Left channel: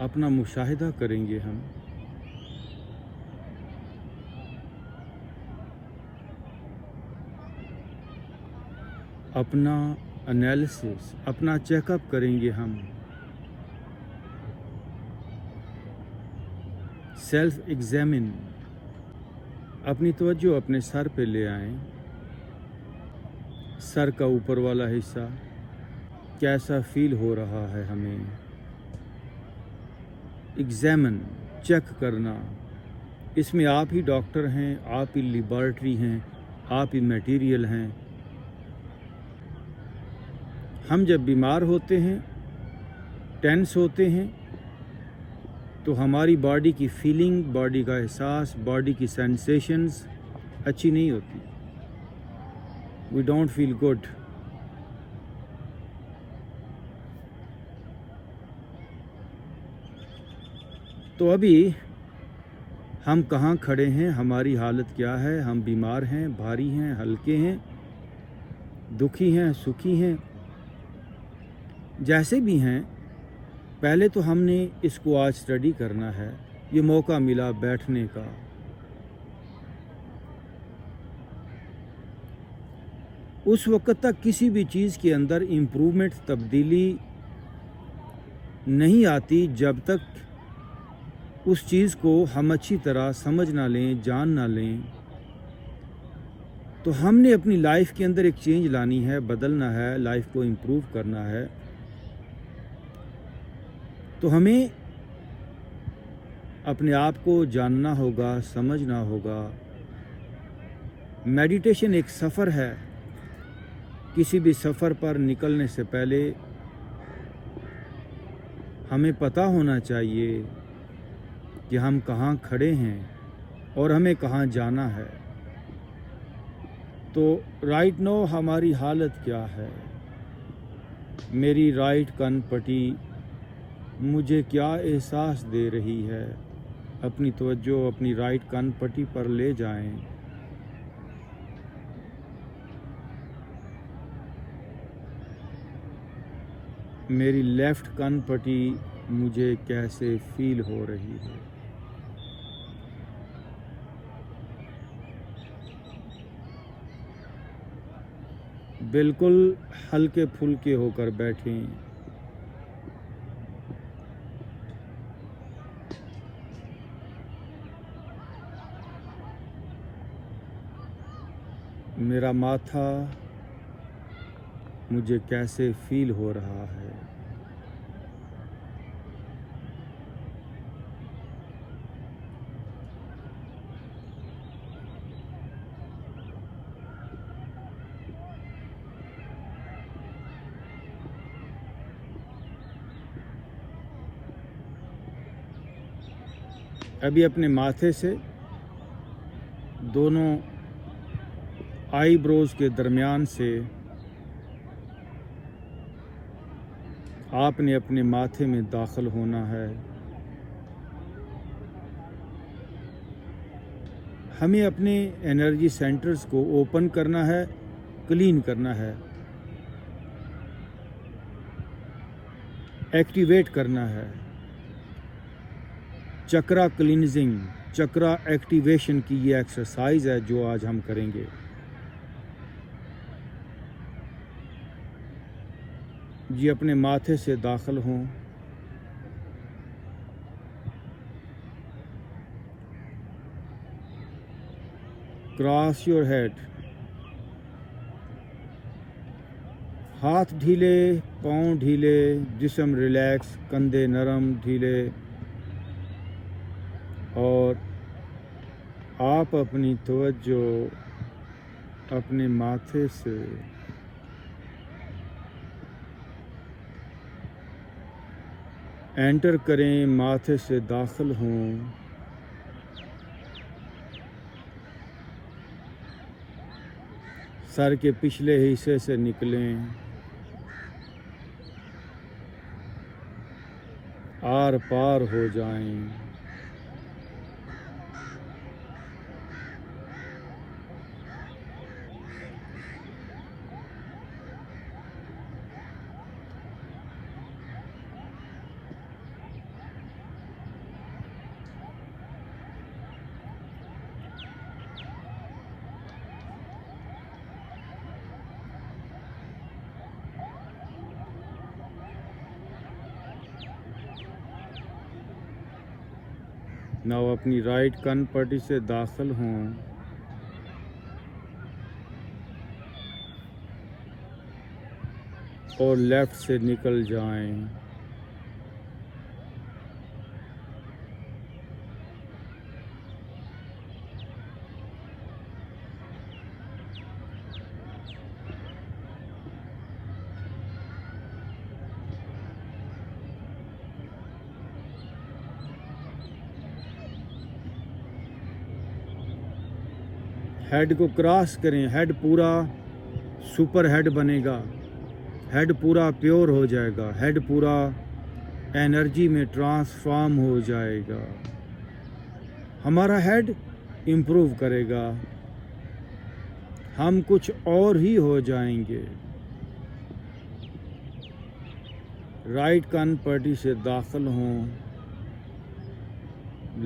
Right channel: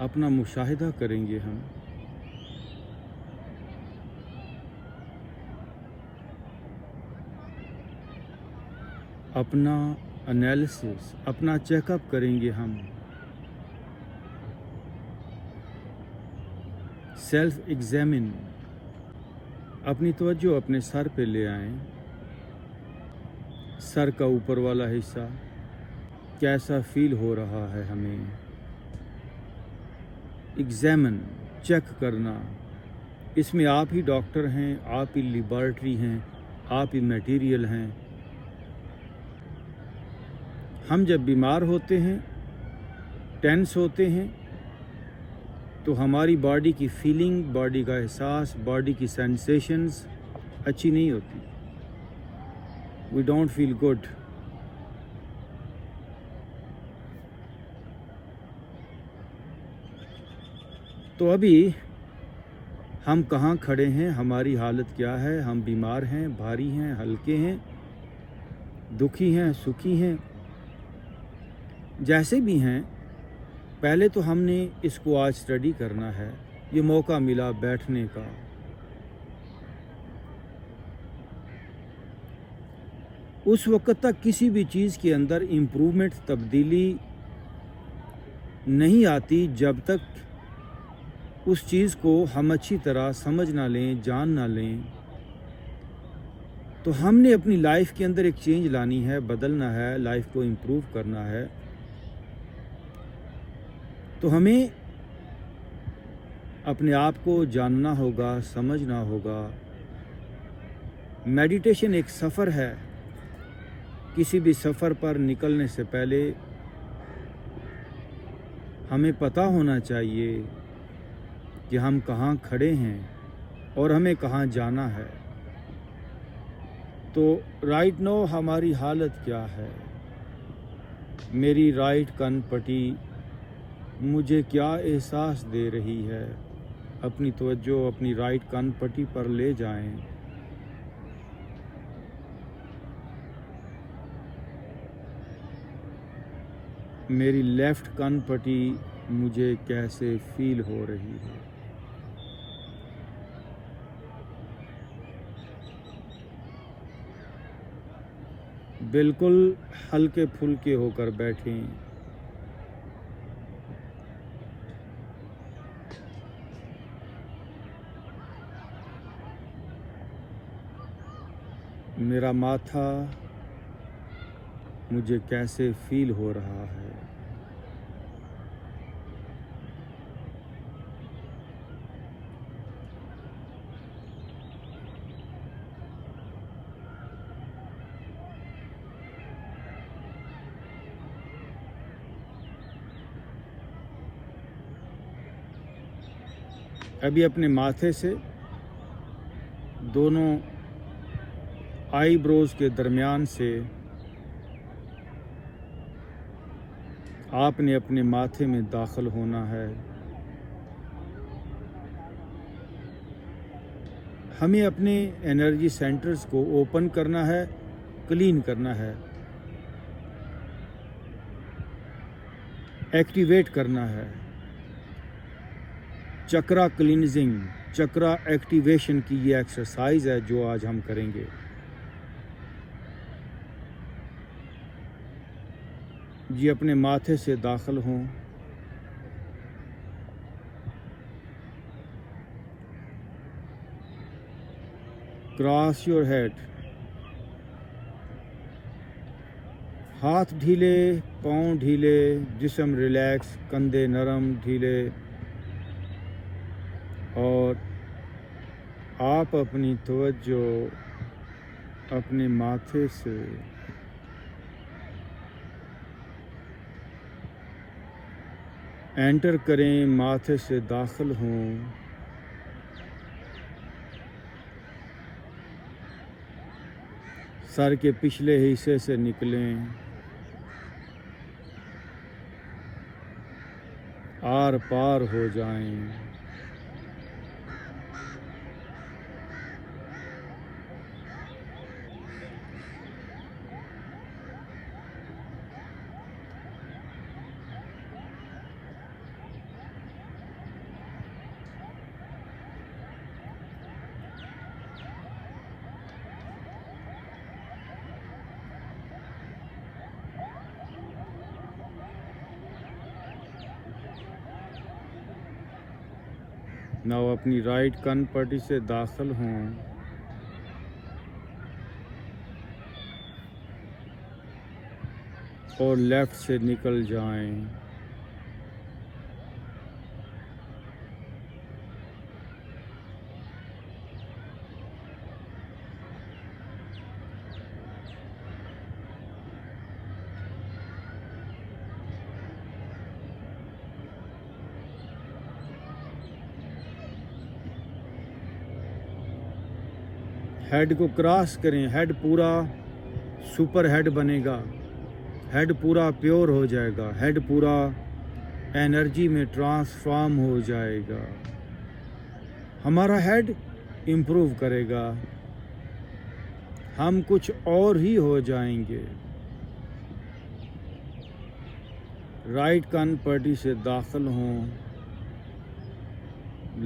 अपना मुशाहिदा करेंगे हम। अपना एनालिसिस, अपना चेकअप करेंगे हम। सेल्फ एग्जामिन, अपनी तवज्जो अपने सर पे ले आएं। सर का ऊपर वाला हिस्सा कैसा फील हो रहा है हमें। एग्जामिन, चेक करना। इसमें आप ही डॉक्टर हैं, आप ही लेबॉरेटरी हैं, आप ही मटेरियल हैं। हम जब बीमार होते हैं, टेंस होते हैं, तो हमारी बॉडी की फीलिंग, बॉडी का एहसास, बॉडी की सेंसेशंस अच्छी नहीं होती। We don't feel good. तो अभी हम कहाँ खड़े हैं, हमारी हालत क्या है, हम बीमार हैं, भारी हैं, हल्के हैं, दुखी हैं, सुखी हैं, जैसे भी हैं, पहले तो हमने इसको आज स्टडी करना है। ये मौका मिला बैठने का। उस वक्त तक किसी भी चीज़ के अंदर इम्प्रूवमेंट, तब्दीली नहीं आती जब तक उस चीज़ को हम अच्छी तरह समझ ना लें, जान ना लें। तो हमने अपनी लाइफ के अंदर एक चेंज लानी है, बदलना है, लाइफ को इम्प्रूव करना है। तो हमें अपने आप को जानना होगा, समझना होगा। मेडिटेशन एक सफ़र है। किसी भी सफ़र पर निकलने से पहले हमें पता होना चाहिए कि हम कहाँ खड़े हैं और हमें कहाँ जाना है। तो राइट नाउ हमारी हालत क्या है। मेरी राइट कान पट्टी मुझे क्या एहसास दे रही है। अपनी तवज्जो अपनी राइट कान पट्टी पर ले जाएं। मेरी लेफ़्ट कान पट्टी मुझे कैसे फील हो रही है। बिल्कुल हल्के फुल्के होकर बैठें। मेरा माथा मुझे कैसे फील हो रहा है। अभी अपने माथे से दोनों आईब्रोज के दरमियान से आपने अपने माथे में दाखिल होना है। हमें अपने एनर्जी सेंटर्स को ओपन करना है, क्लीन करना है, एक्टिवेट करना है। चक्रा क्लींजिंग, चक्रा एक्टिवेशन की ये एक्सरसाइज है जो आज हम करेंगे। जी अपने माथे से दाखिल हों। Cross your head. हाथ ढीले, पाँव ढीले, जिस्म रिलैक्स, कंधे नरम ढीले। और आप अपनी तवज्जो अपने माथे से एंटर करें, माथे से दाखिल हों। सर के पिछले हिस्से से निकलें, आर पार हो जाएं। नाउ अपनी राइट कान पट्टी से दाखिल हों और लेफ्ट से निकल जाएं। हेड को क्रॉस करें, हेड पूरा सुपर हेड बनेगा, हेड पूरा प्योर हो जाएगा, हेड पूरा एनर्जी में ट्रांसफॉर्म हो जाएगा। हमारा हेड इम्प्रूव करेगा, हम कुछ और ही हो जाएंगे। राइट कान पट्टी से दाखिल हों,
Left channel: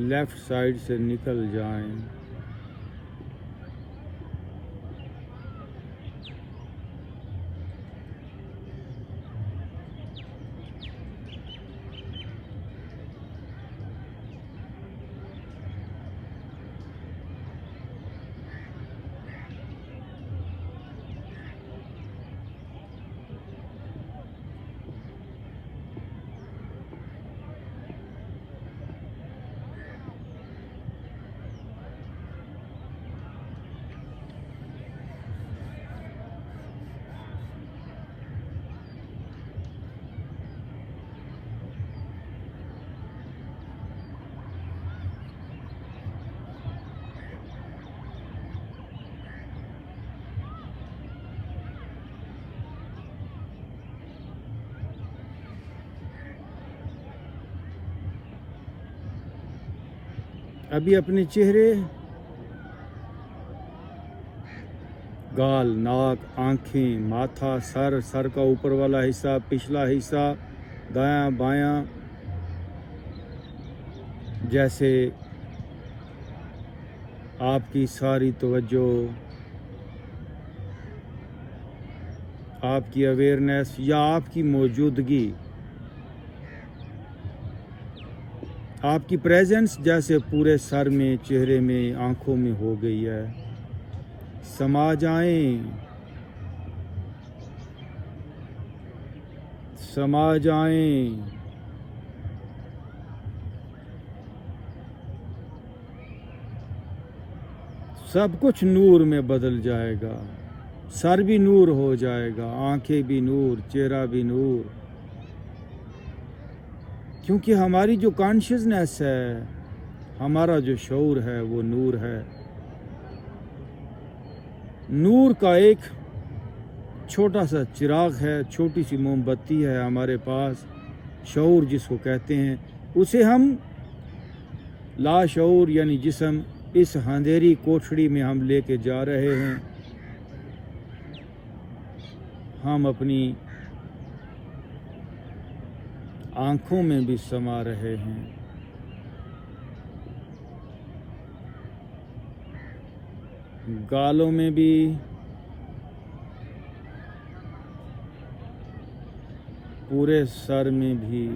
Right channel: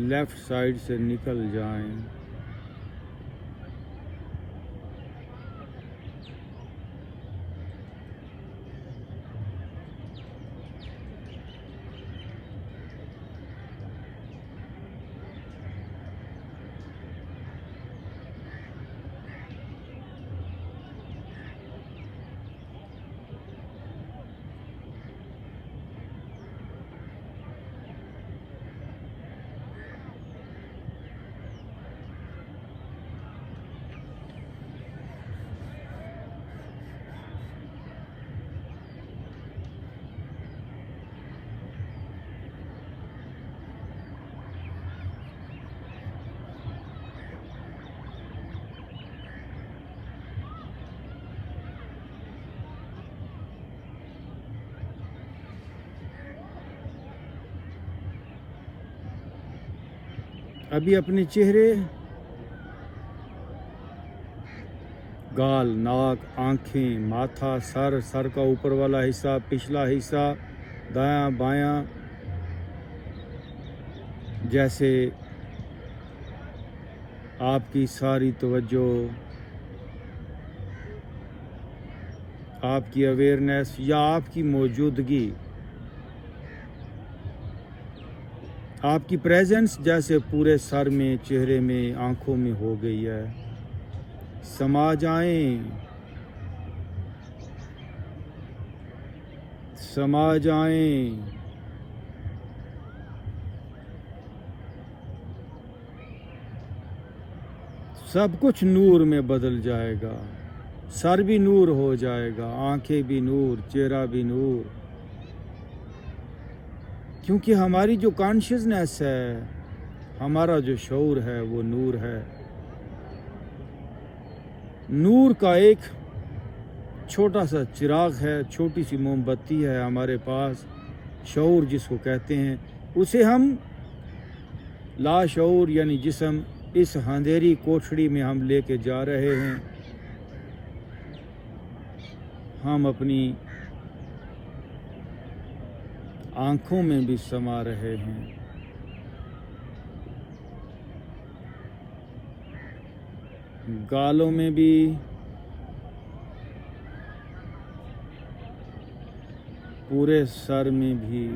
लेफ्ट साइड से निकल जाएं। अभी अपने चेहरे, गाल, नाक, आँखें, माथा, सर का ऊपर वाला हिस्सा, पिछला हिस्सा, दायां बायां, जैसे आपकी सारी तवज्जो, आपकी अवेयरनेस या आपकी मौजूदगी, आपकी प्रेजेंस जैसे पूरे सर में, चेहरे में, आँखों में हो गई है। समा जाएं, समा जाएं। सब कुछ नूर में बदल जाएगा, सर भी नूर हो जाएगा, आंखें भी नूर, चेहरा भी नूर, क्योंकि हमारी जो कॉन्शियसनेस है, हमारा जो शऊर है, वो नूर है। नूर का एक छोटा सा चिराग है, छोटी सी मोमबत्ती है हमारे पास, शऊर जिसको कहते हैं। उसे हम लाशऊर यानी जिस्म, इस अंधेरी कोठड़ी में हम लेके जा रहे हैं। हम अपनी आँखों में भी समा रहे हैं, गालों में भी, पूरे सर में भी।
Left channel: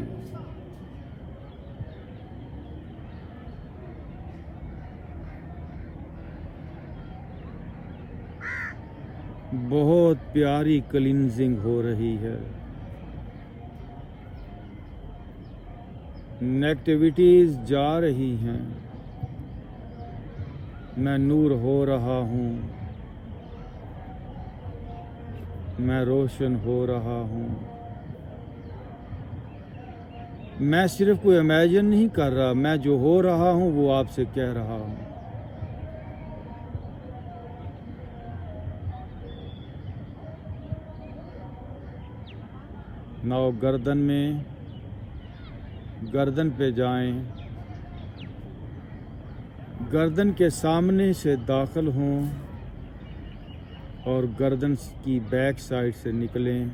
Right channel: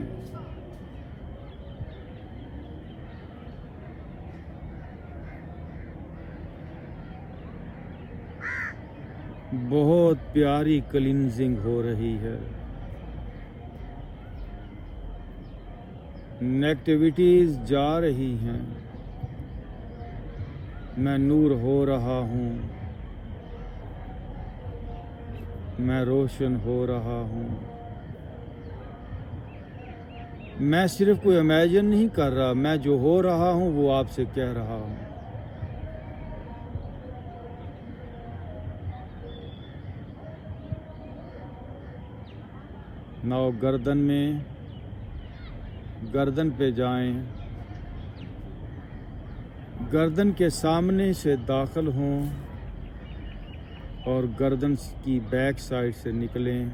बहुत प्यारी क्लींजिंग हो रही है। नेगेटिविटीज जा रही हैं, मैं नूर हो रहा हूँ, मैं रोशन हो रहा हूँ। मैं सिर्फ कोई इमेजिन नहीं कर रहा, मैं जो हो रहा हूँ वो आपसे कह रहा हूँ। नाउ गर्दन में, गर्दन पे जाएं, गर्दन के सामने से दाखिल हों और गर्दन की बैक साइड से निकलें।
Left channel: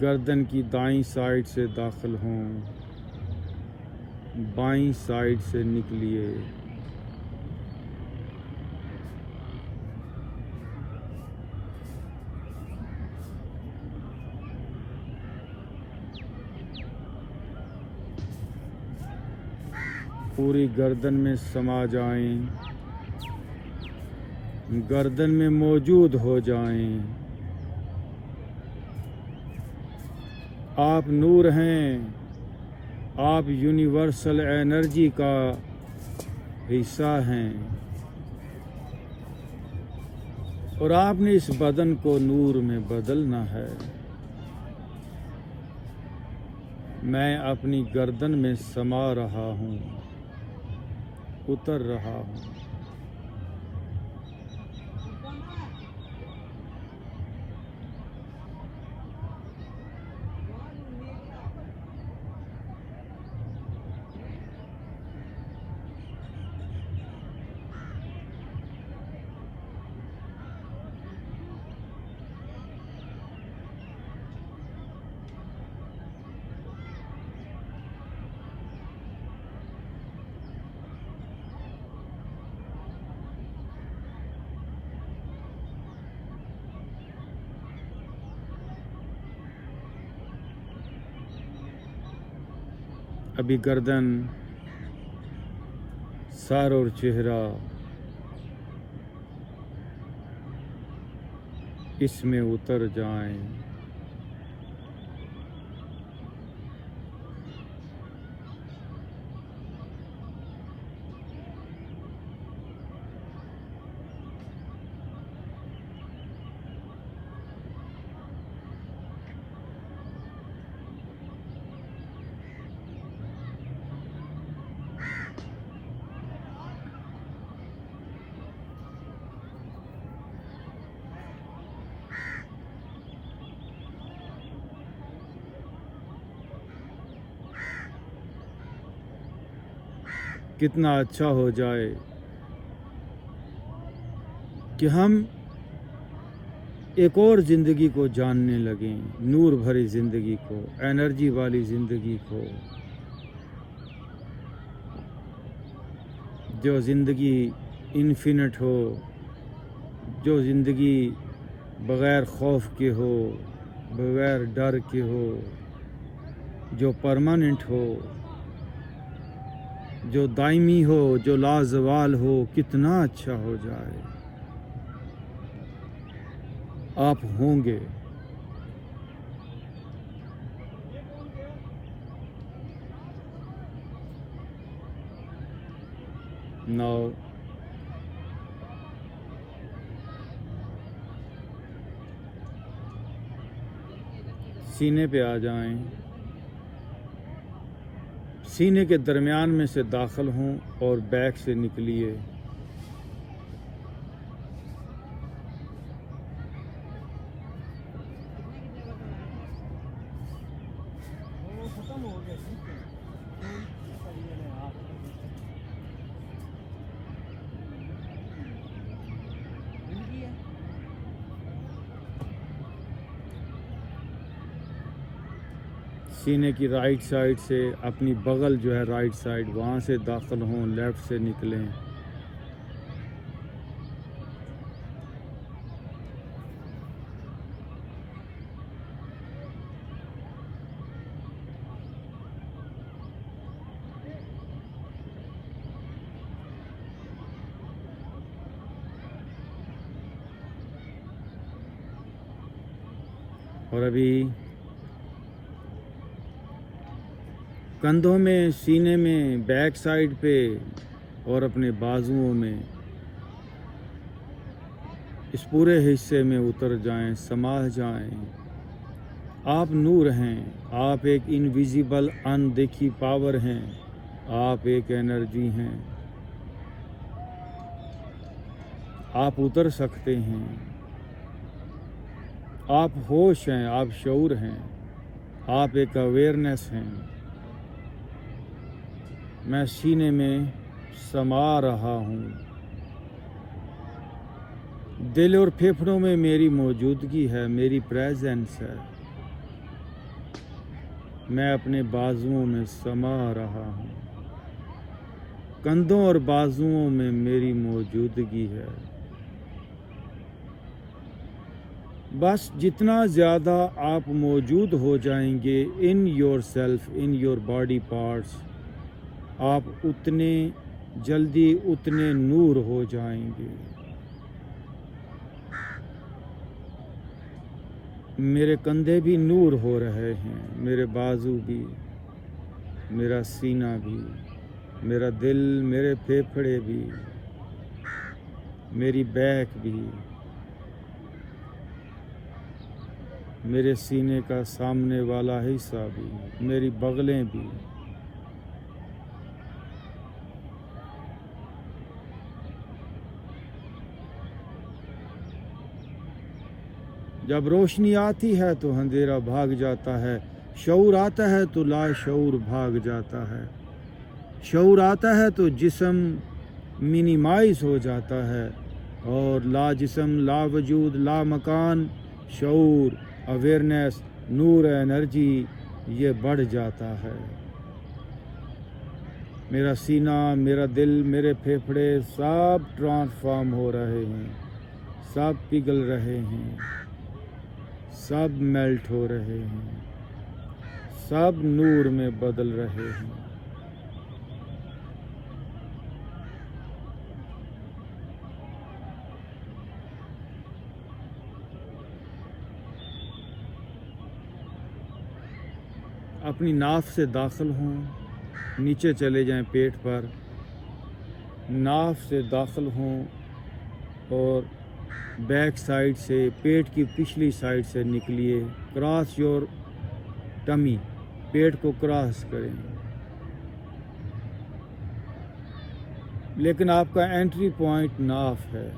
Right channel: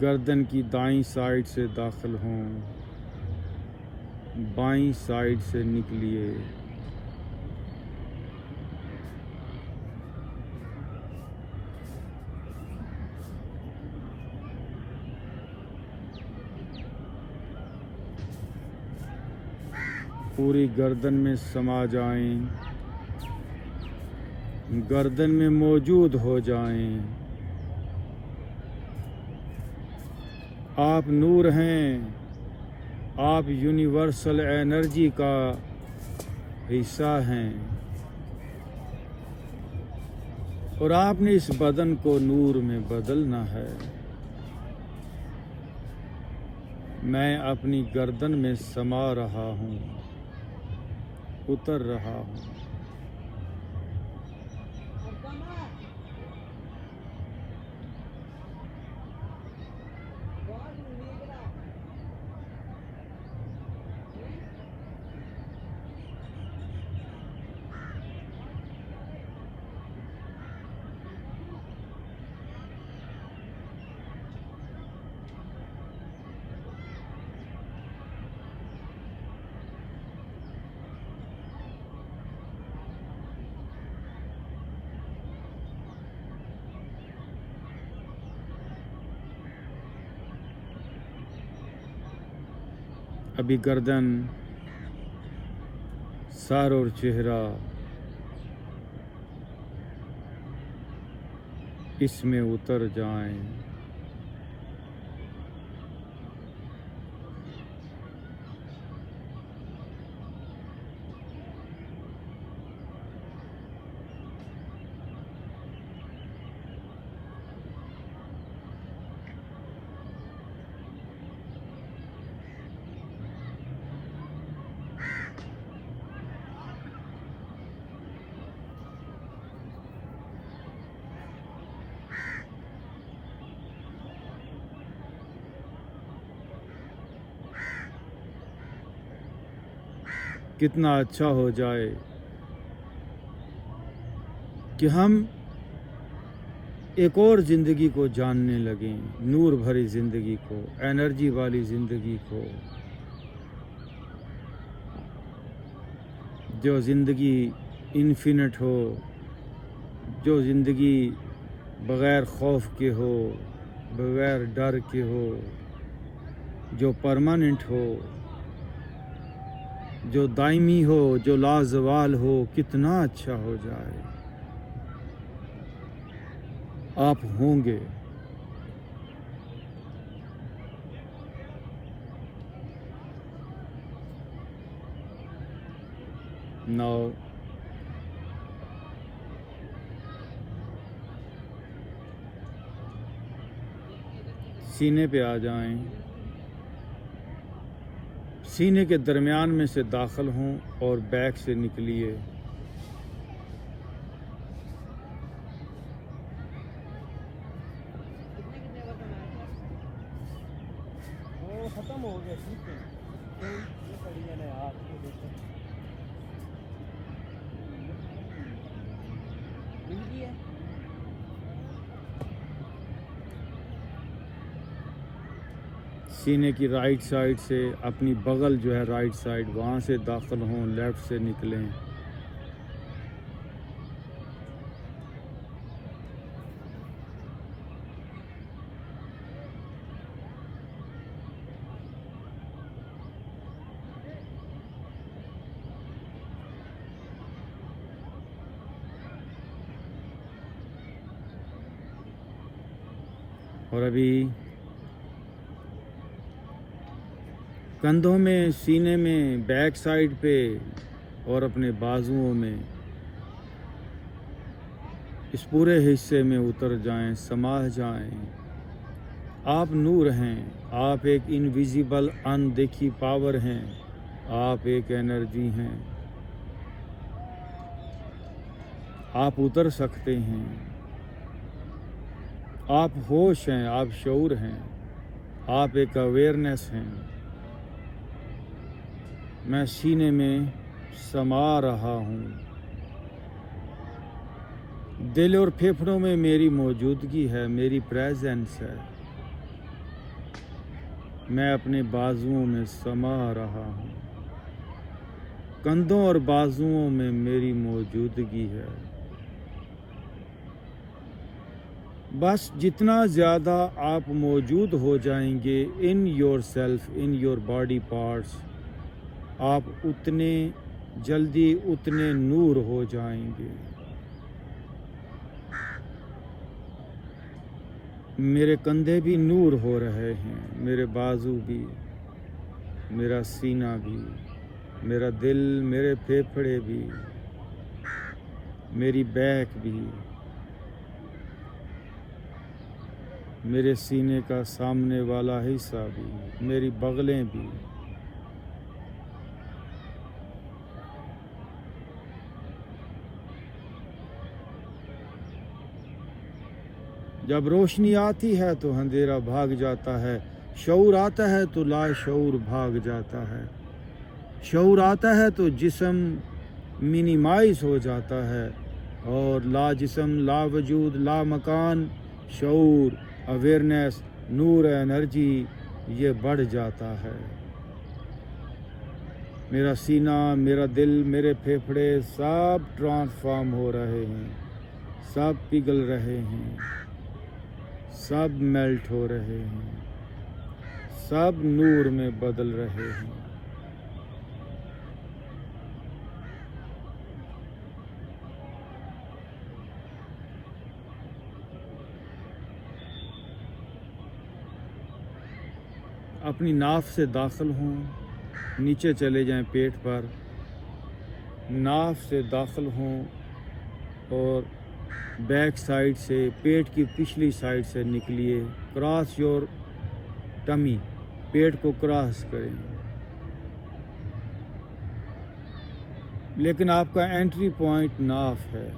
गर्दन की दाईं साइड से दाखिल हों बाईं साइड से निकलिए। पूरी गर्दन में समा जाएं, गर्दन में मौजूद हो जाएं। आप नूर हैं, आप यूनिवर्सल एनर्जी का हिस्सा हैं और आपने इस बदन को नूर में बदलना है। मैं अपनी गर्दन में समा रहा हूँ, उतर रहा हूँ। अभी गर्दन, सर और चेहरा इसमें उतर जाएं। कितना अच्छा हो जाए कि हम एक और ज़िंदगी को जानने लगें, नूर भरी ज़िंदगी को, एनर्जी वाली ज़िंदगी को, जो ज़िंदगी इन्फिनिट हो, जो ज़िंदगी बग़ैर खौफ के हो, बग़ैर डर के हो, जो परमानेंट हो, जो दायमी हो, जो लाजवाल हो। कितना अच्छा हो जाए। आप होंगे। नाउ सीने पे आ जाएं, सीने के दरमियान में से दाखिल हों और बैक से निकलिए। सीने की राइट साइड से अपनी बगल जो है राइट साइड, वहाँ से दाखिल हों, लेफ़्ट से निकलें। और अभी कंधों में, सीने में, बैक साइड पे और अपने बाजुओं में, इस पूरे हिस्से में उतर जाएं, समा जाएं। आप नूर हैं, आप एक इनविजिबल अनदेखी पावर हैं, आप एक एनर्जी हैं। आप उतर सकते हैं। आप होश हैं, आप शऊर हैं, आप एक अवेयरनेस हैं। मैं सीने में समा रहा हूँ। दिल और फेफड़ों में मेरी मौजूदगी है, मेरी प्रेजेंस है। मैं अपने बाजुओं में समा रहा हूँ। कंधों और बाजुओं में मेरी मौजूदगी है। बस जितना ज़्यादा आप मौजूद हो जाएंगे in your self, in your body parts, आप उतने जल्दी उतने नूर हो जाएंगे। मेरे कंधे भी नूर हो रहे हैं, मेरे बाजू भी, मेरा सीना भी, मेरा दिल, मेरे फेफड़े भी, मेरी बैक भी, मेरे सीने का सामने वाला हिस्सा भी, मेरी बगलें भी। जब रोशनी आती है तो अंधेरा भाग जाता है, शऊर आता है तो लाशऊर भाग जाता है। शऊर आता है तो जिस्म मिनिमाइज हो जाता है और ला जिस्म, ला वजूद, ला मकान, शऊर, अवेयरनेस, नूर, एनर्जी ये बढ़ जाता है। मेरा सीना, मेरा दिल, मेरे फेफड़े सब ट्रांसफॉर्म हो रहे हैं, सब पिघल रहे हैं, सब मेल्ट हो रहे हैं, सब नूर में बदल रहे हैं। अपनी नाफ से दाखिल हों, नीचे चले जाएं पेट पर, नाफ से दाखिल हों और बैक साइड से, पेट की पिछली साइड से निकलिए। क्रॉस योर टमी, पेट को क्रॉस करें। लेकिन आपका एंट्री पॉइंट नाफ है।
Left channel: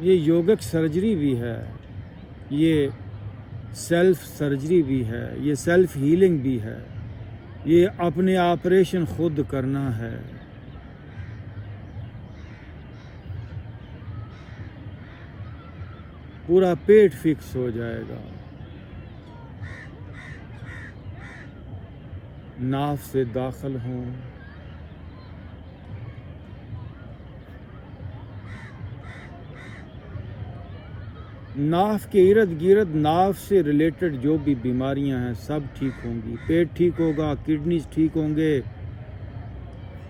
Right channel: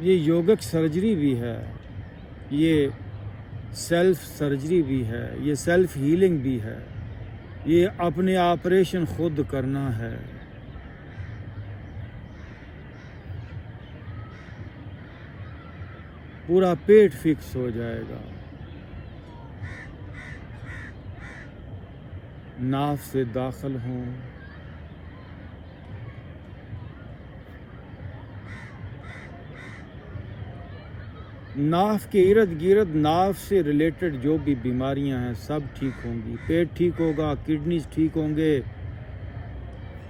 ये योगिक सर्जरी भी है, ये सेल्फ सर्जरी भी है, ये सेल्फ हीलिंग भी है, ये अपने ऑपरेशन खुद करना है। पूरा पेट फिक्स हो जाएगा। नाफ से दाखिल हों, नाफ के इर्द गिर्द नाफ से रिलेटेड जो भी बीमारियां हैं सब ठीक होंगी। पेट ठीक होगा, किडनीज ठीक होंगे,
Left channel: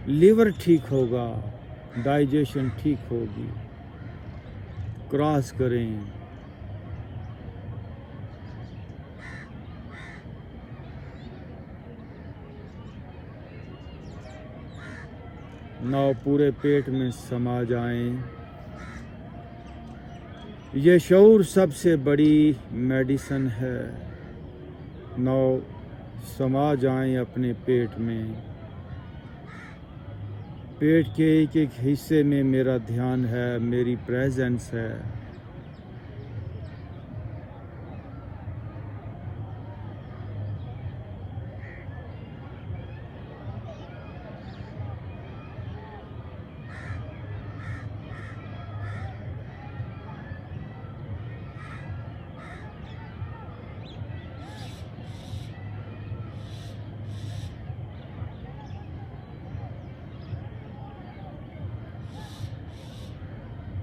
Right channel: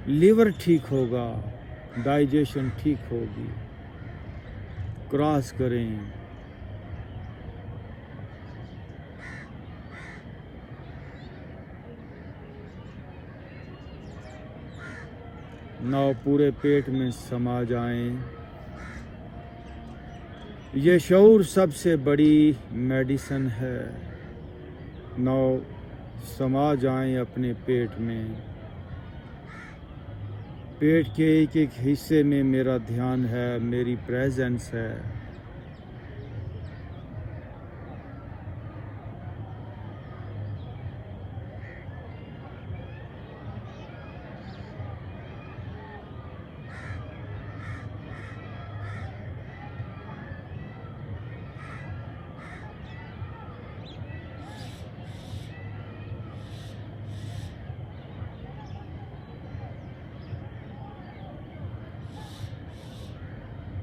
लिवर ठीक होगा, डाइजेशन ठीक होगी। क्रॉस करें। नाव पूरे पेट में समा जाएं। ये शऊर सबसे बड़ी मेडिसिन है। नाव समा जाएं अपने पेट में। पेट के एक एक हिस्से में मेरा ध्यान है, मेरी प्रेजेंस है।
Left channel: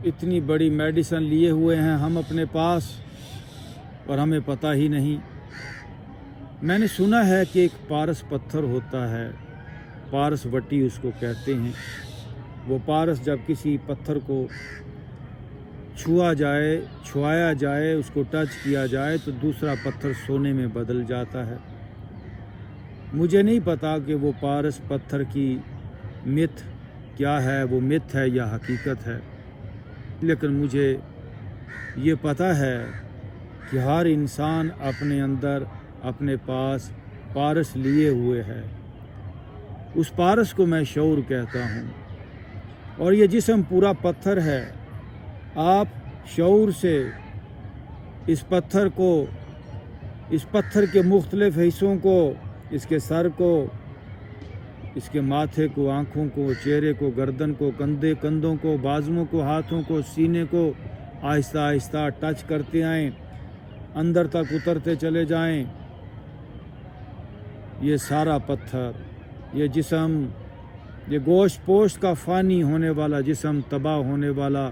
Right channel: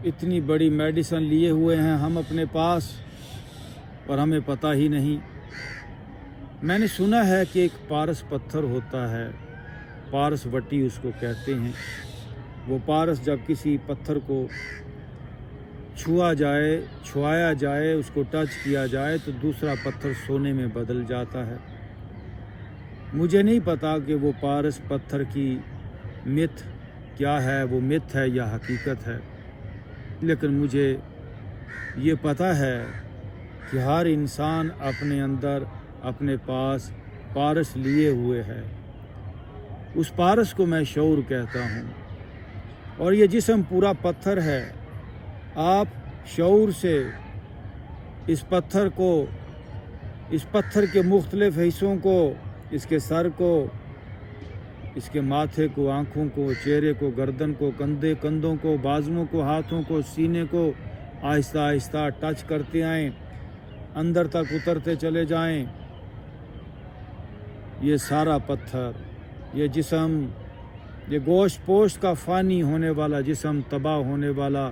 इतनी बड़ी मेडिसिन लिए हुए हैं हम अपने पास और हमें पता ही नहीं। मैंने सुना है कि एक पारस पत्थर होता है, पारस वट्टी उसको कहते हैं। वो पारस जब किसी पत्थर को छुआ जाए, छुआया जाए, उसको टच किया जाए तो दूसरा पत्थर सोने में बदल जाता है। मुझे नहीं पता कि वो पारस पत्थर की मिथ क्या है, वो मिथ है या हकीकत है, लेकिन मुझे ये पता है कि हर इंसान अपने अंदर अपने पास पारस लिए हुए है। उस पारस को मैं शऊर कहता हूँ और ये जिस्म पूरा पत्थर है। आप शऊर से इस पत्थर को, इस पत्थर के मुख्तलिफ हिस्सों को, इसके सर को, इसके माथे को, आँखों को, चेहरे को, गर्दन को, कंधों को, बाजुओं को, हाथों को, सीने को आहिस्ता आहिस्ता टच करते आएँ। अंदर तक उतरते चले जाएं। ये सारा पत्थर, ये जिस्म, ये गोश्त पोश्त का फ़ानी होने वाला जिस्म, तबाह होने वाला,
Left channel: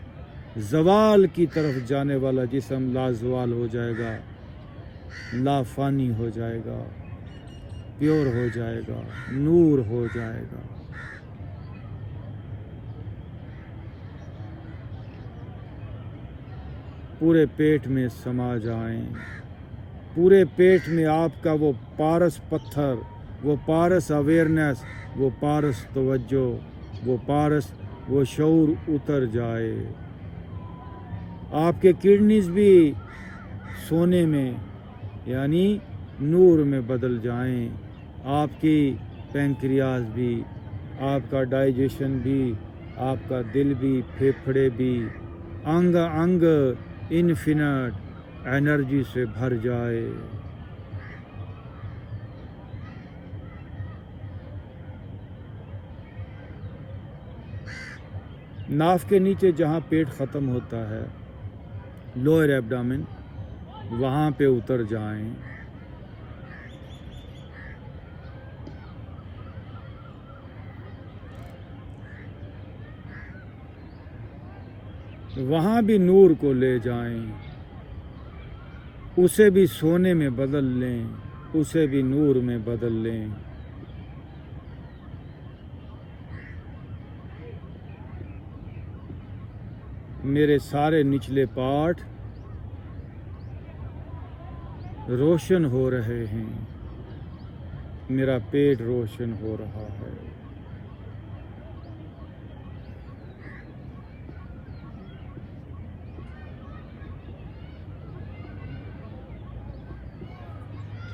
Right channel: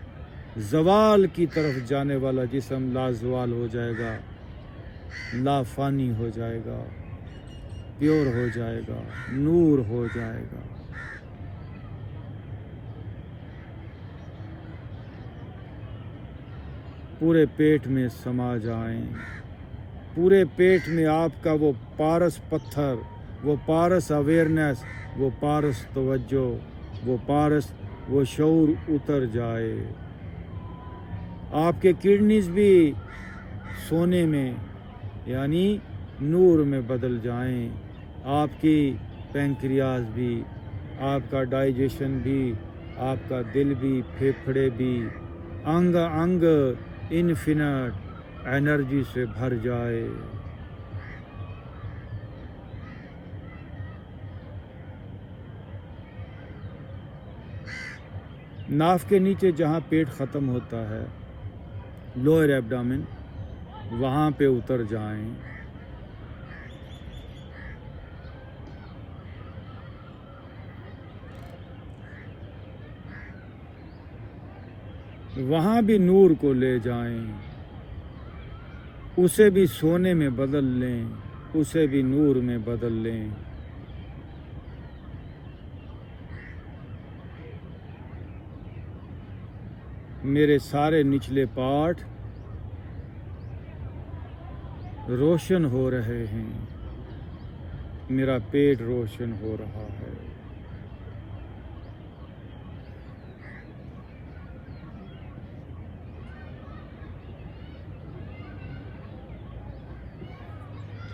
ज़वाल की तरफ जाने वाला जिस्म लाज़वाल हो जाएगा, लाफ़ानी हो जाएगा, प्योर हो जाएगा, नूर हो जाएगा। पूरे पेट में समा जाएं। पूरे पेट में आपका वो पारस पत्थर, वो पारस अवेयरनेस, वो पारस तवज्जो, वो पारस, वो शऊर उतर जाए। आपके किडनीज भी सोने में यानी नूर में बदल जाएं। आपकी पैंक्रियाज भी, आपका डाइजेशन भी, आपका दिल भी, फेफड़े भी, अंग अंग इन्फिनिट एनर्जी से भर जाए। नाफ के नीचे जहाँ पेट ख़त्म होता है, लोअर एब्डामिन, वहाँ पे उतर जाएं। वहाँ भी नूर को ले जाएं, उसे भी सोने में बदल लें, उसे भी नूर में बदल लें। मेरे सारे निचले पार्ट रोशन हो रहे हैं, मेरा पेट रोशन हो रहा है।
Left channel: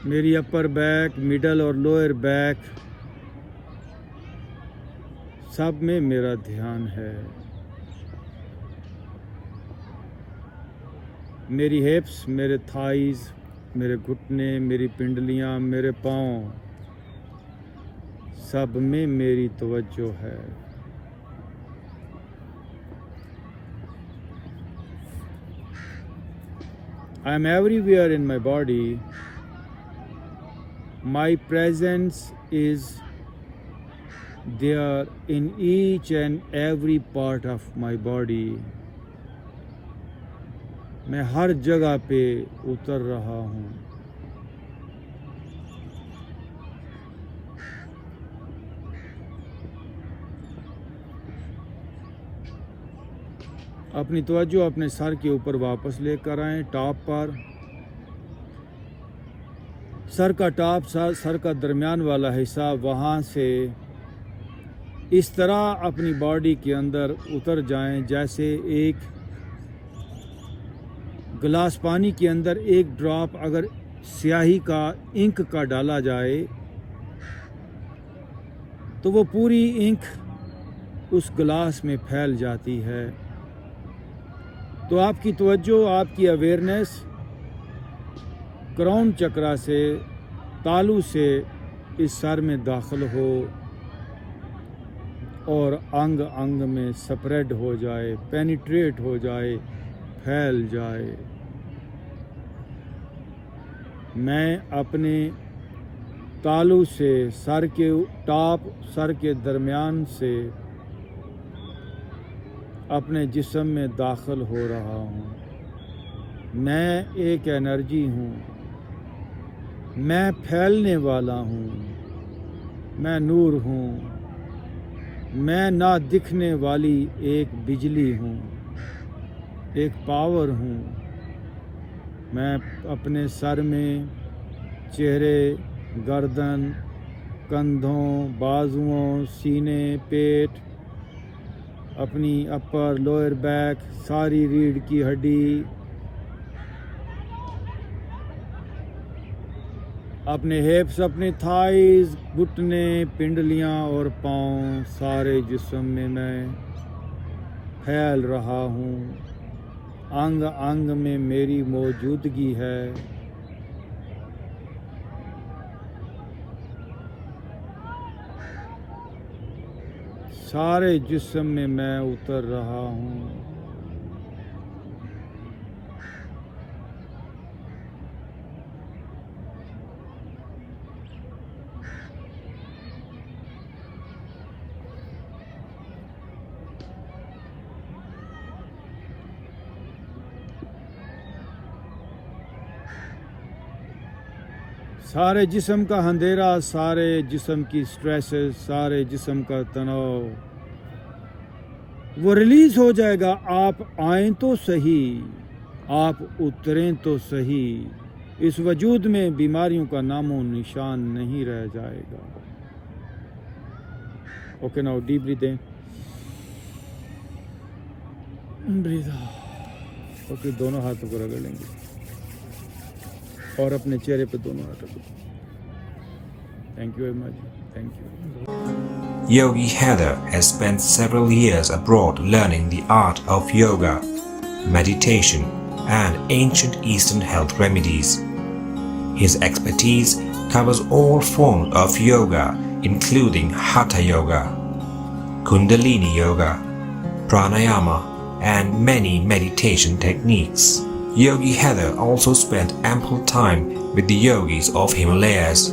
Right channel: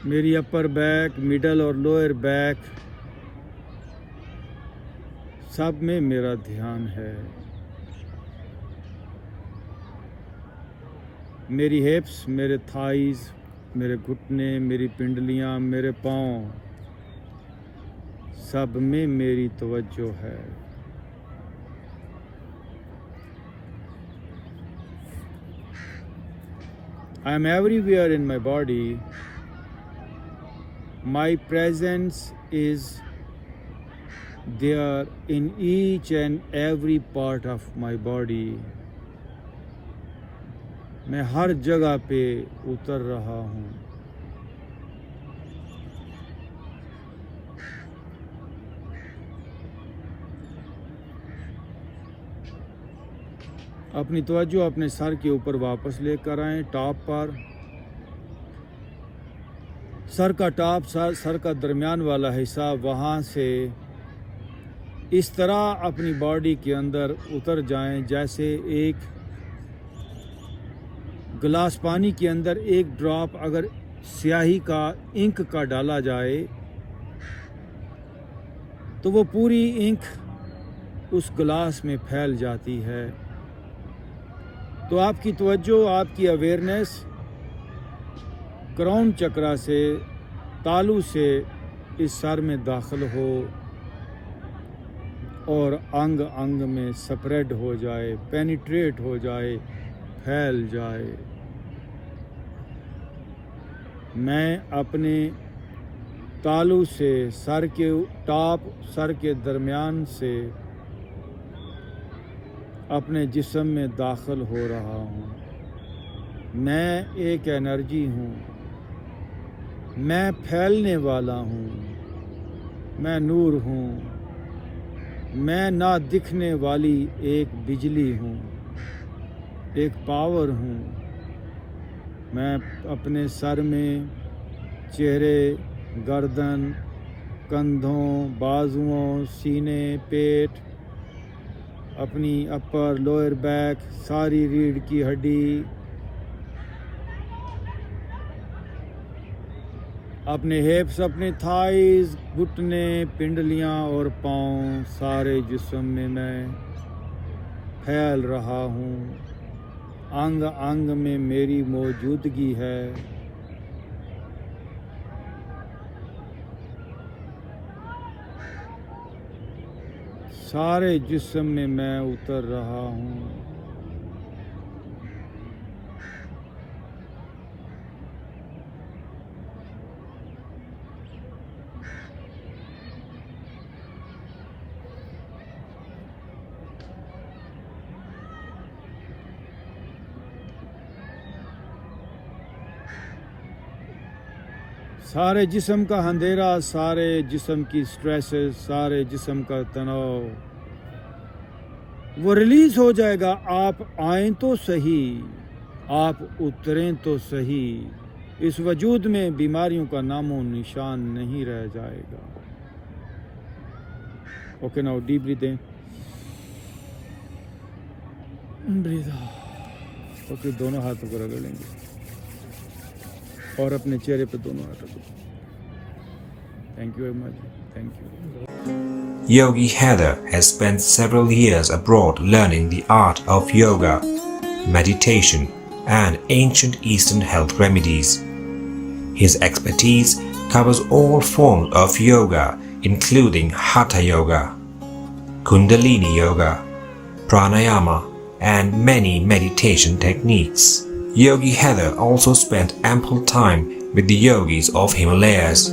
मेरी अपर बैक, मिडल और लोअर बैक सब में मेरा ध्यान है। मेरी हिप्स, मेरे थाइज, मेरे घुटने, मेरी पिंडलियां, मेरे पाँव, सब में मेरी तवज्जो है। I am everywhere in my body. My presence is there in each and every part of my body. मैं हर जगह पे उतर रहा हूँ। अपनी तवज्जो अपने सर के ऊपर वापस लेकर आएं, टॉप पर। सर का टॉप, सर का दरमियान वाला हिस्सा, वहाँ से इस तरह अपनी बॉडी के अंदर उतर जाएं जैसे एक गिलास पानी के अंदर एक ड्रॉप अगर स्याही का, इंक का डाला जाए तो वो पूरी इंक उस गिलास में फैल जाती है। तो आपकी तवज्जो, आपकी अवेयरनेस क्राउन चक्रा से, तालू से इस सर में दाखिल हो और अंग अंग में स्प्रेड हो जाए, पेनिट्रेट हो जाए, फैल जाए। मैं अपने तालू से, सर के टॉप, सर के दरमियान से अपने जिस्म में दाखिल हो रहा हूँ। मैं एक एनर्जी हूँ, मैं फैलने वाला हूँ, मैं नूर हूँ, मैं ना दिखने वाली एक बिजली हूँ, एक पावर हूँ। मैं अपने सर में, चेहरे, गर्दन, कंधों, बाजुओं, सीने, पेट, अपनी अपर लोअर बैक, सारी रीढ़ की हड्डी, अपने हिप्स, अपने थाइज, घुटने, पिंडलियां और पाँव, सारे जिस्म में मैं फैल रहा हूँ। अंग अंग में मेरी मौजूदगी है। सारे जिस्म में मैं उतर रहा हूँ। सारे जिस्म का अंधेरा, सारे जिस्म की स्ट्रेसेस, सारे जिस्म का तनाव वो रिलीज हो जाएगा। आप आए तो सही, आप उतरें तो सही। इस वजूद में बीमारियों का नामो निशान नहीं रह जाएगा। ओके, नाउ डीप ब्रीथ इन, ब्रीथ आउट। ओके, दोनों हाथों को रगड़ लेंगे और अपने चेहरे पे दोनों हाथों को। Thank you very much, thank you. Yogi Heather has spent several years abroad learning the art of yoga, meditation, and ancient Eastern health remedies. His expertise covers all forms of yoga, including Hatha Yoga, Kundalini Yoga, Pranayama, and many meditation techniques. Yogi Heather also spent ample time with the yogis of Himalayas.